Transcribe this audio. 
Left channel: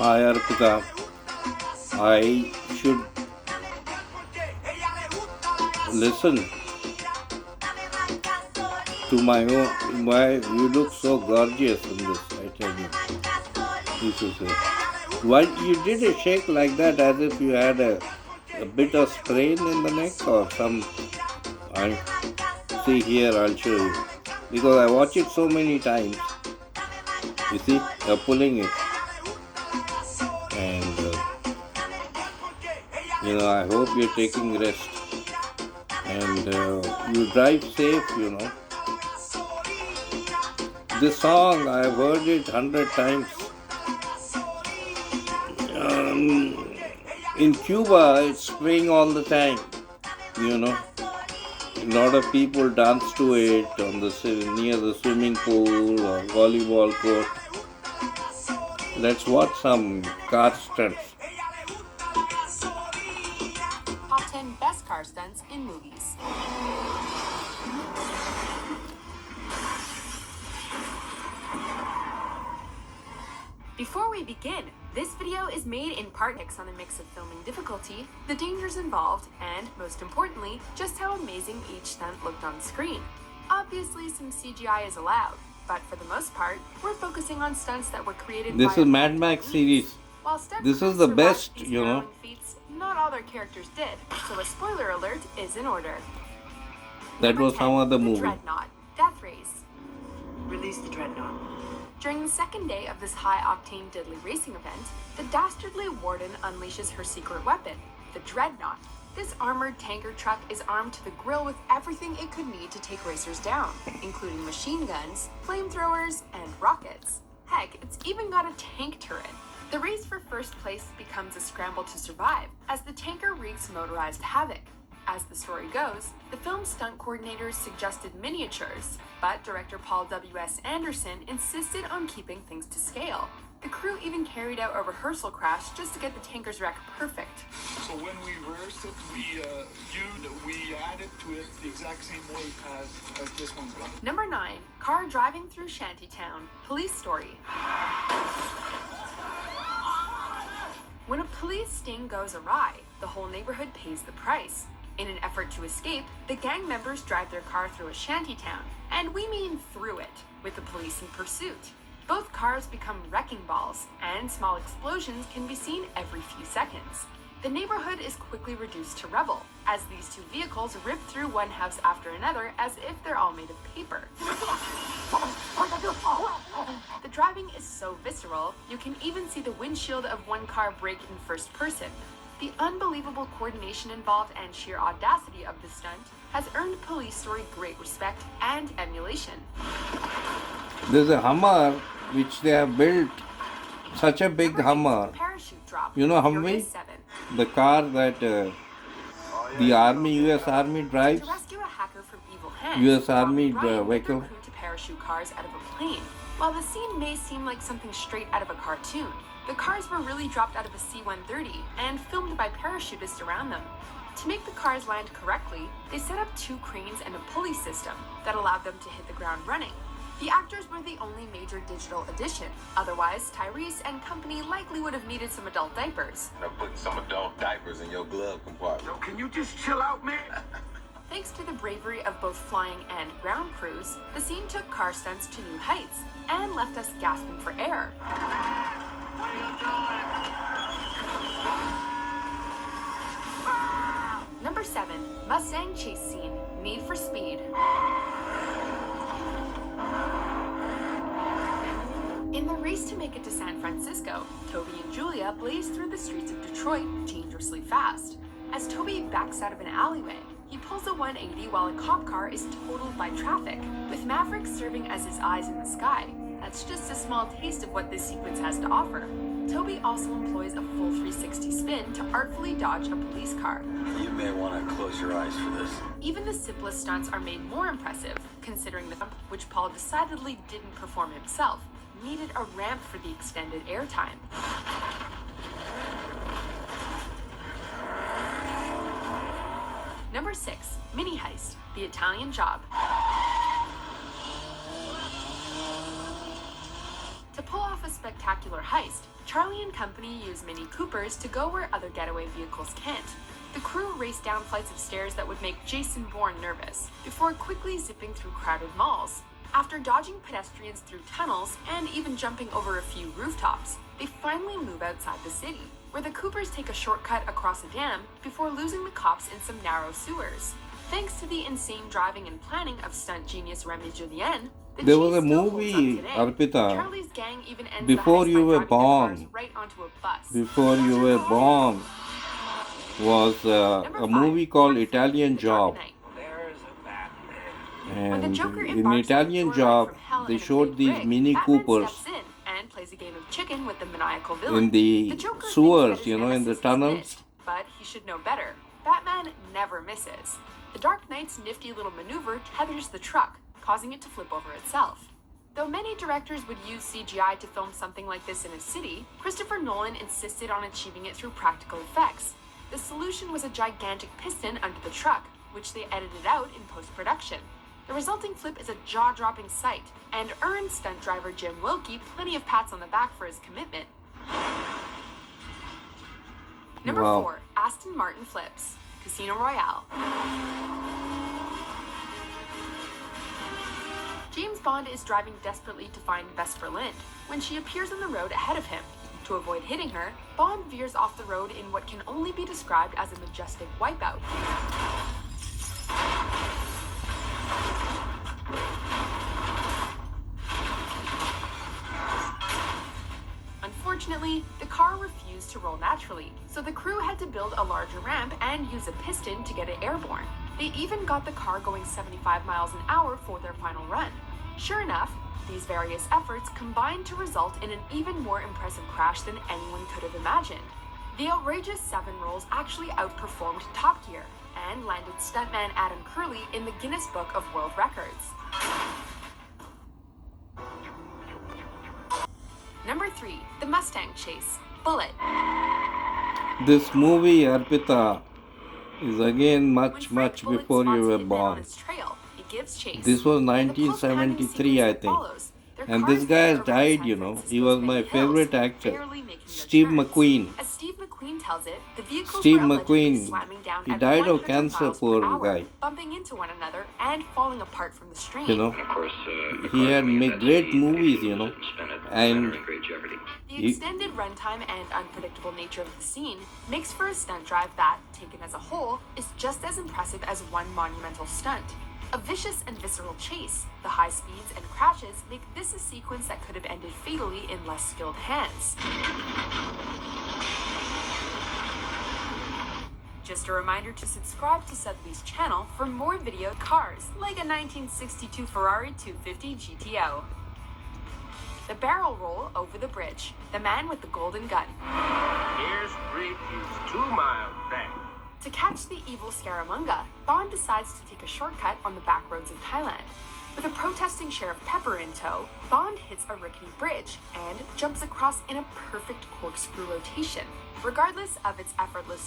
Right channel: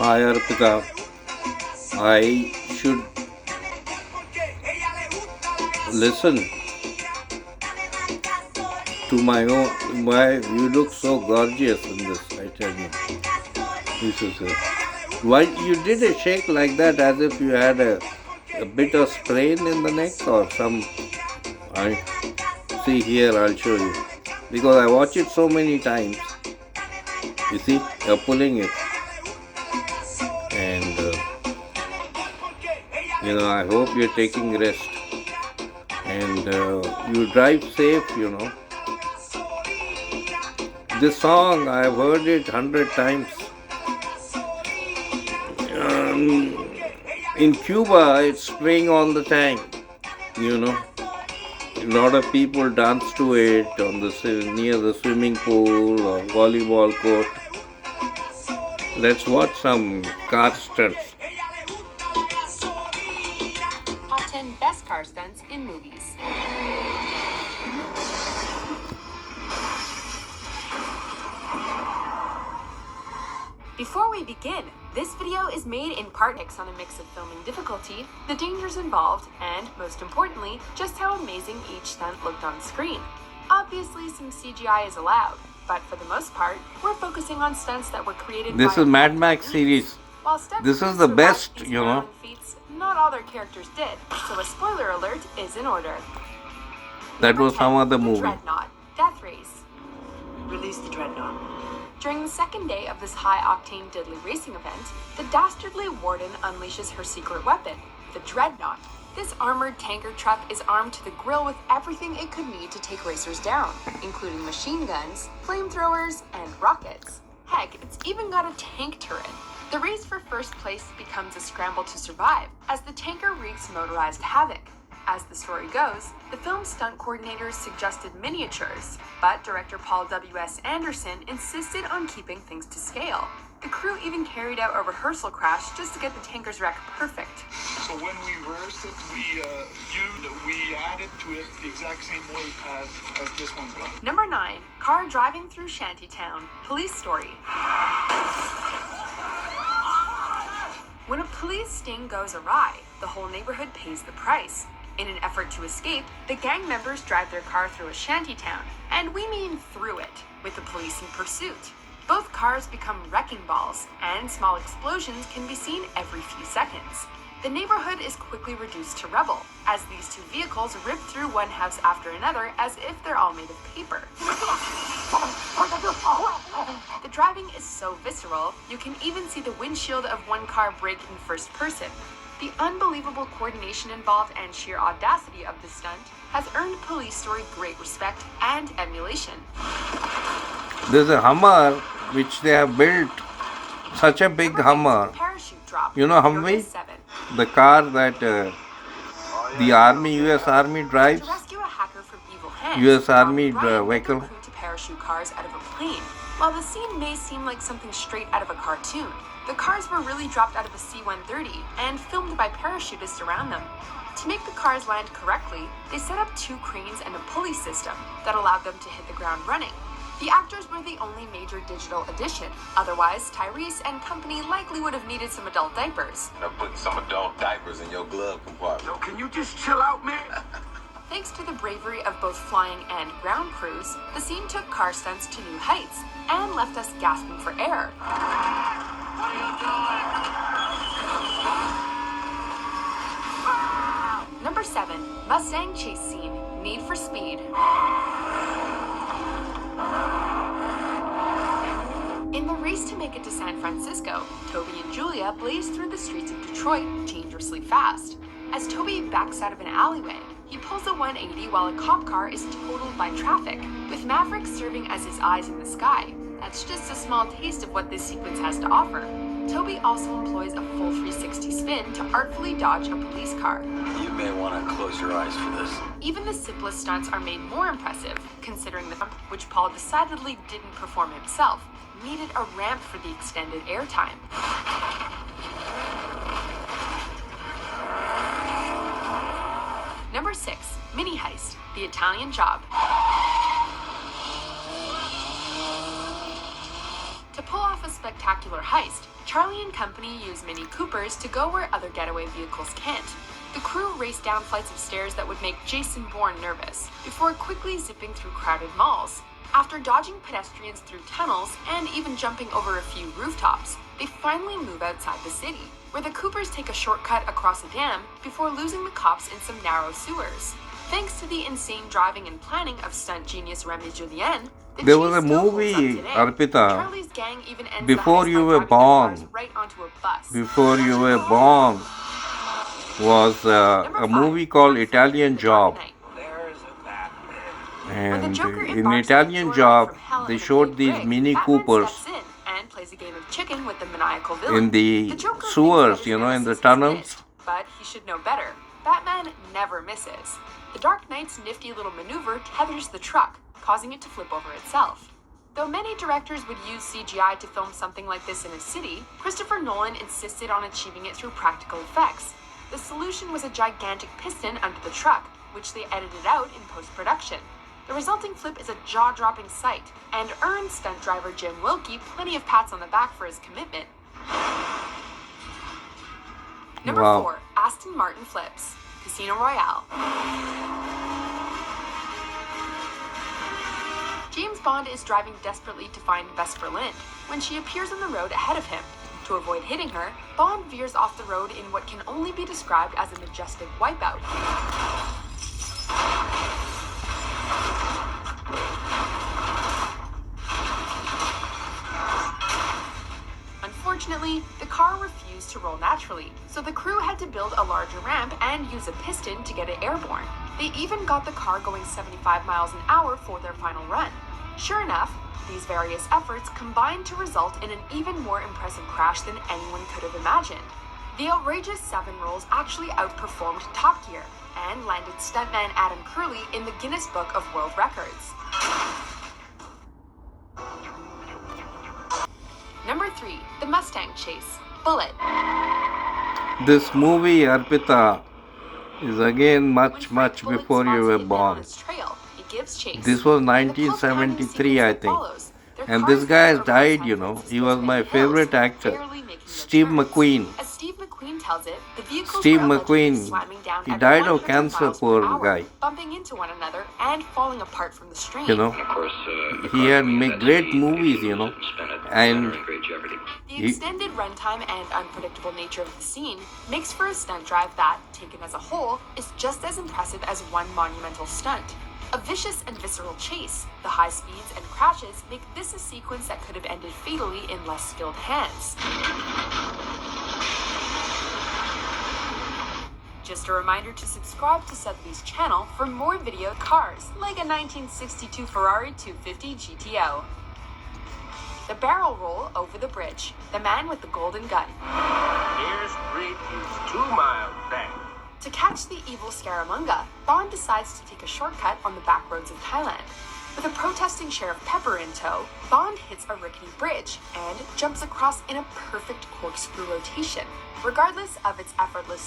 Hi Arpita, I should listen to my own. Why you look so gorgeous in this? I tell you, this is it. Why you did a shake like that, as if you had a bit of sprain in the neck or some? I see here. I'll show you because I watch it so many times. You see, you're pulling it, and I hope you're taking rest and you drive safe. This song I've heard it 100 times. Um, in Cuba, it's playing all the time. You know, a lot of people dance to it near the swimming pool or volleyball court. Let's watch some car stunts. Top 10 best car stunts in movies. Before we begin, this video is made in part on a mix of filming difficulty, the dangers involved, and, most importantly, just how amazing each stunt looked on screen. Obviously, some CGI is allowed, but for the most part, we're focusing on stunts that were created This by is Mad Max series. This is the best, feats, not all their characters did, so a spoiler alert is in order. That was some other movie. Dreadnought, Death Race. Release the Dreadnought. During the second day of this high-octane deadly racing event, the dastardly warden unleashes her secret weapon, the Dreadnought. This armored tanker truck is armed to the grill with everything it could need to take racers down, including machine guns, flamethrowers, and rockets. Heck, it's even got a tank turret. The race for first place becomes a scramble to survive, as the tanker wreaks motorized havoc. As the story goes, the film's stunt coordinators suggested miniatures, but director Paul W.S. Anderson insisted on keeping things to scale. The crew even carried out a rehearsal crash just to get the tanker's wreck perfect. So when we rehearsed it, we added to it the exact same way as this one's done. Number 9. Car driving through Shantytown. Police story. When a police sting goes awry, the whole neighborhood pays the price. In an effort to escape, the gang members drive their car through a shantytown, and we mean through it, with the police in pursuit. Both cars become wrecking balls, and small explosions can be seen every few seconds. The neighborhood is quickly reduced to rubble, as these two vehicles rip through one house after another as if they're all made of paper. The driving is so visceral, you can even see the windshield of one car break in first person. The unbelievable coordination involved and sheer audacity of this stunt has earned Police Story great respect and emulation. There's a Hummer which they have built, such a big Hummer. Parachute drop. You know Humvee? The car that the U.S. Army drives. To rescue a hacker from evil hands, U.S. Army Ryan vehicle. crew to parachute cars out of a plane. While the scene may seem like something straight out of a cartoon, the cars were really dropped out of a C-130 and filmed by parachutists around them. To make the cars land correctly, they set up 2 cranes and a pulley system that allowed them to hit the ground running. The actors were the only major digital addition. Otherwise, Tyrese and company likely would have needed some adult diapers. I'm putting some adult diapers in your glove compartment. So can you just chill out, man? Thanks to the bravery of both flying and ground crews, the scene took car stunts to new heights and left us gasping for air. Number 7. Mustang chase scene. Need for Speed. In the race to make it to San Francisco, Toby and Julia blaze through the streets of Detroit dangerously fast. As Toby backs out of an alleyway, he pulls a 180 while a cop car is totaled by traffic, with Maverick serving as his eyes in the sky. That's just a small taste of what this sequence has to offer. Toby also employs a full 360 spin to artfully dodge a police car. You may want to close your eyes for this. Even the simplest stunts are made more impressive, considering the jump, which Paul decidedly didn't perform himself, needed a ramp for the extended airtime. Number 6. Mini Heist, The Italian Job. To pull off a spectacular heist, Charlie and company use Mini Coopers to go where other getaway vehicles can't. The crew race down flights of stairs that would make Jason Bourne nervous, before quickly zipping through crowded malls. After dodging pedestrians through tunnels and even jumping over a few rooftops, they finally move outside the city, where the Coopers take a shortcut across a dam before losing the cops in some narrow sewers. Thanks to the insane driving and planning of stunt genius Remy Julien, the There chase was a still holds movie, up today. Arpita, Charlie's gang even ends before the heist you by were driving the cars born. right onto a bus. Before you were born was Number a 5, movie called Taxi, Italian The Dark Job. Knight. When the And Joker in embarks on a Italian joyride Job, from hell they in a showed big these rig, Mini Batman Coopers steps in and plays a game of chicken with the maniacal villain. in the Joker thinks sewers, that his in the nemesis has tunnels. missed, but he should know better. Batman never misses. The Dark Knight's nifty little maneuver tethers the truck, causing it to flip over itself. Though many directors would use CGI to film something like this in a city, Christopher Nolan insisted on achieving it through practical effects. The solution was a gigantic piston under the truck, which they edited out in post-production. The resulting flip is a jaw-dropping sight, and earned stunt driver Jim Wilkie plenty of pats on the back for his commitment. Number Wow. 4, Aston Martin flips. Casino Royale. James Bond is driving desperately to find Vesper Lind when she appears on the road ahead of him. To avoid hitting her, Bond veers off the road in what can only be described as a majestic wipeout. Unfortunately, the car refused to roll naturally, so the crew had to build a larger ramp and use a piston to get it airborne. They even got the car going 75 miles an hour for their final run. Sure enough, these various efforts combined to result in an even more impressive crash than anyone could have imagined. The outrageous 7 rolls actually outperformed Top Gear and landed stuntman Adam Curley in the Guinness Book of World Records. Number 3, The Mustang Chase. Bullet. This movie, Arpita, is again much, When much Frank Bullet before you spots were a hitman on born. his trail, he gives chase. This was In the post-crime 1973, I sequence that think. follows, their And cars this guy has fly over died, San you know. He Francisco's was my many hills, favorite actor, barely making their Steve turns. McQueen. As Steve McQueen tells it, the vehicles Steve were allegedly McQueen. slamming down He at died of 100 cancer, miles per poor hour, guy. bumping into one another and falling apart from the strain. You know, Of course, he had made great movies, you know, and great jeopardy. The he, extended runtime and unpredictable nature of the scene makes for a stunt drive that, taken as a whole, is just as impressive as one monumental stunt. A vicious and visceral chase, the high speeds and crashes make this a sequence that could have ended fatally in less skilled hands. Just a reminder to subscribe to Sotheby's channel for more video cars, like a 1962 Ferrari 250 GTO. The barrel roll over the bridge, the man with the golden gun. Here's Street is 2 miles back. To catch the evil Scaramanga, Bond decides to take a shortcut on the back roads of Thailand. With a protesting Sheriff Pepper in tow, Bond hits a rickety bridge and jumps across in a perfect corkscrew rotation. Regardless of its effortless